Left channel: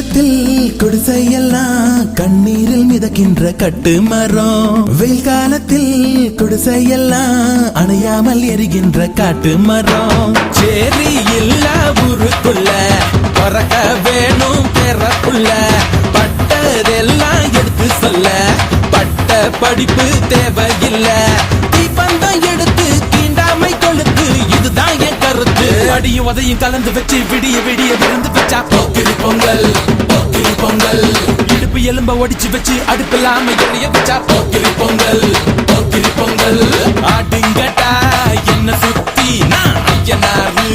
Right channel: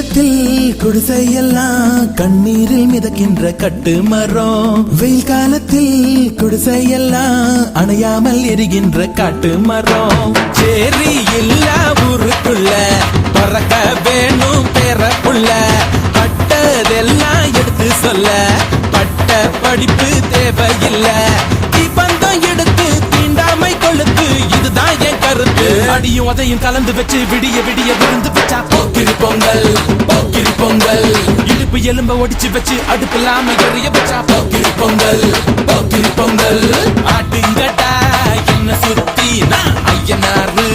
காலத்தில் குடிசையெல்லாம் கண்ணீரில் மிதக்கின்ற கட்டு மரம், வெயில் காலத்தில் குடிசையெல்லாம் அணையாமல் எரிகின்ற காட்டு மரம். சேரி இல்லா ஊருக்குள்ள பறக்க வேணும் பெறப்புள்ள, பட்டதெல்லாம் எடுத்து சொல்ல பட்ட படிப்பு தேவையில்லை. பந்தம் எடுத்து தீண்டாமை கொழுத்து, இதுதான் என் கருத்து. அடியும் அதையும் கலந்து வச்சு விடிய விடிய விழுந்து வச்சா போக்கிரி பொங்கல், போக்கிரி பொங்கல். இடுப்பு எலும்ப ஒடிச்சு வச்சு அடுப்பில்லாம எரிய வச்சா போக்கிரி பொங்கல், போக்கிரி பொங்கல். ஆட்டுங்கட்டா என்ன சுத்தி நான் ஐயனாரு.